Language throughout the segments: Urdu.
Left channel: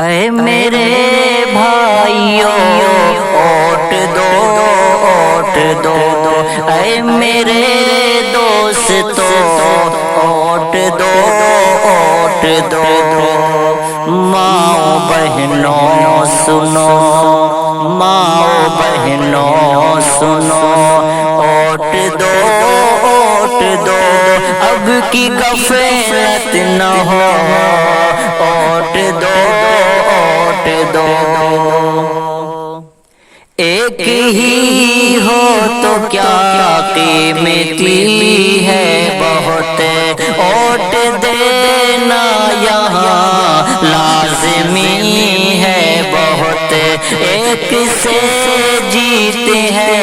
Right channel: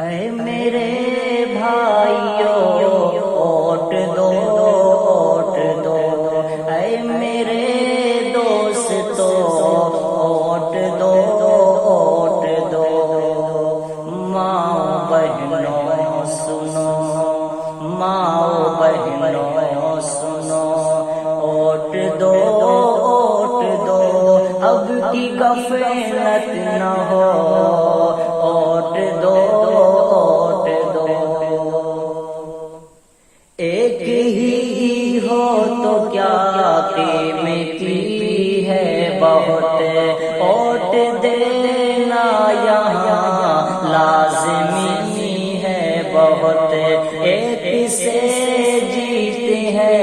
اے میرے بھائیوں اوٹ دو اوٹ دو، اے میرے دوستوں اوٹ دو اوٹ دو، ماں بہنوں سنو، ماں بہنوں سنو، اوٹ دو اوٹ دو، اب کی غفلت نہ ہو، اوٹ دو اوٹ دو، ایک ہی ہو تو کیا قیمتی ہے بہت، اوٹ دینا یہاں لازمی ہے بہت، ایک سے جیت ہے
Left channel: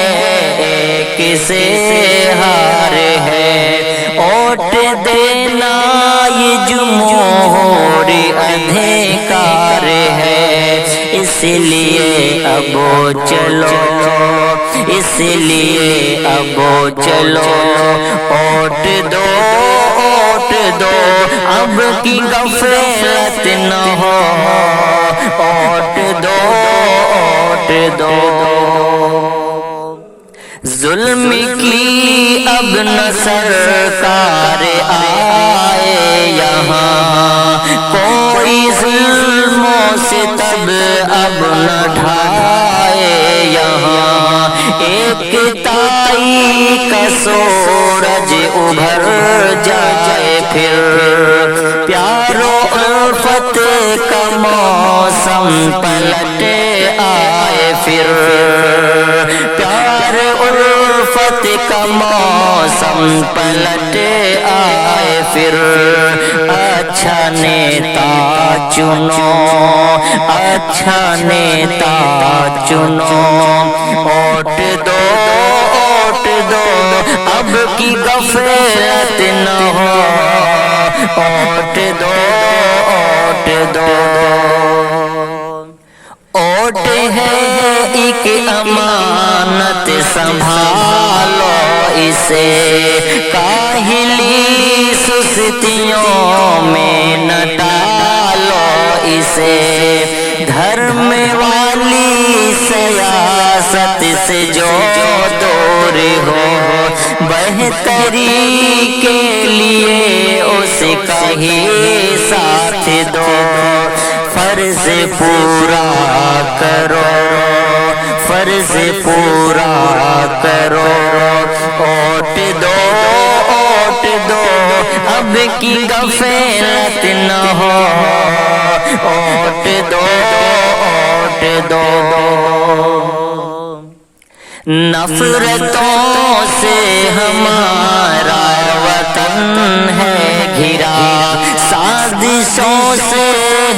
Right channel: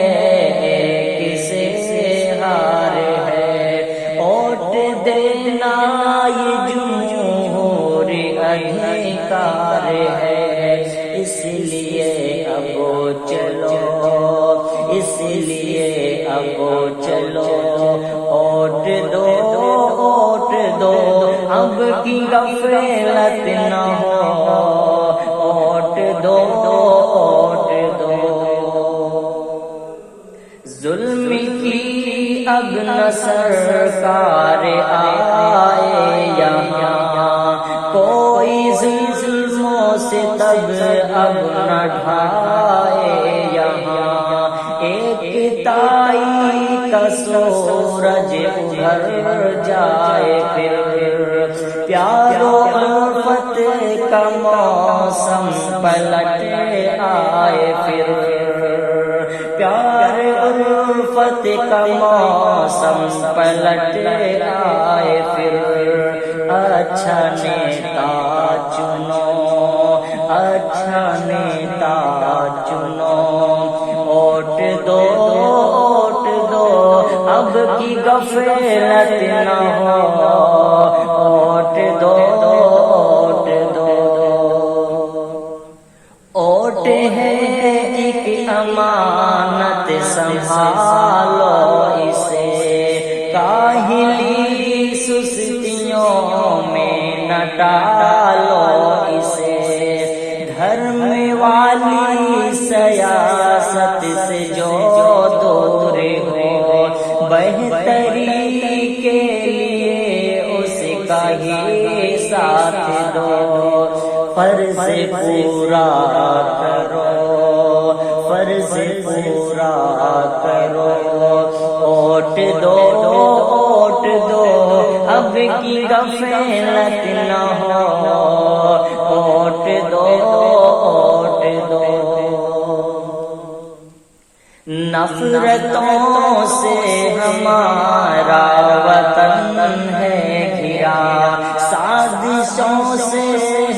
ایک سے ہار ہے، اوٹ دینا یہ جمہوری ادھیکار ہے، اس لیے اب چلو، اس لیے اب چلو، اوٹ دو اوٹ دو، اب کی غفلت نہ ہو، اوٹ دو اوٹ دو، ظلم کی اب نہ سرکار آئے یہاں، کوئی ظلم و ستم اب نہ ڈھائے یہاں، ایک تائی کا سورج ابھر جائے پھر، پیار و الفت کا موسم پلٹ آئے پھر، پیار الفت کا موسم پلٹ آئے پھر، اچھا نیتا چنو، اچھا نیتا چنو، اوٹ دو اوٹ دو، اب کی غفلت نہ ہو، اوٹ دو اوٹ دو، اوٹ ہے ایک امانت سنبھالو اسے، کاہلی سستیوں میں نہ ڈالو اسے، دھرم والی سیاست سے جو دور ہو، بہتری کے لیے اس کا ہی ساتھ دو، فرض پورا کرو، فرض پورا کرو، اوٹ دو اوٹ دو، اب کی غفلت نہ ہو، اوٹ دو اوٹ دو، نفرتوں سے ہمارا وطن ہے گھرا، سازشوں سے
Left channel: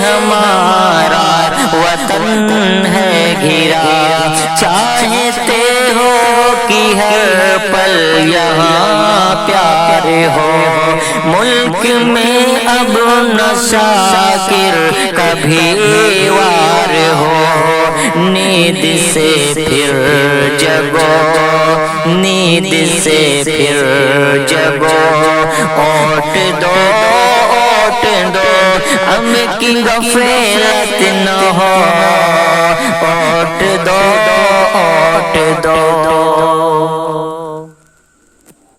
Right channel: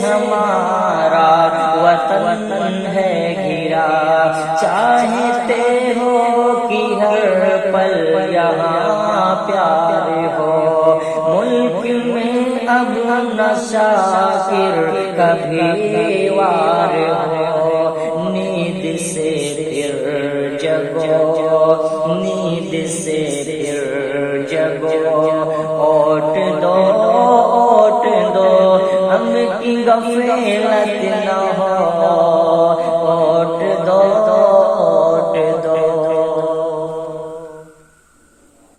ہمارا وطن ہے گھرا، چاہتے ہو کہ ہر پل یہاں پیار ہو، ملک میں اب نہ شاکر کبھی وار ہو، نیند سے پھر جگو، نیند سے پھر جگو، اوٹ دو اوٹ دو، اب کی غفلت نہ ہو، اوٹ دو اوٹ دو۔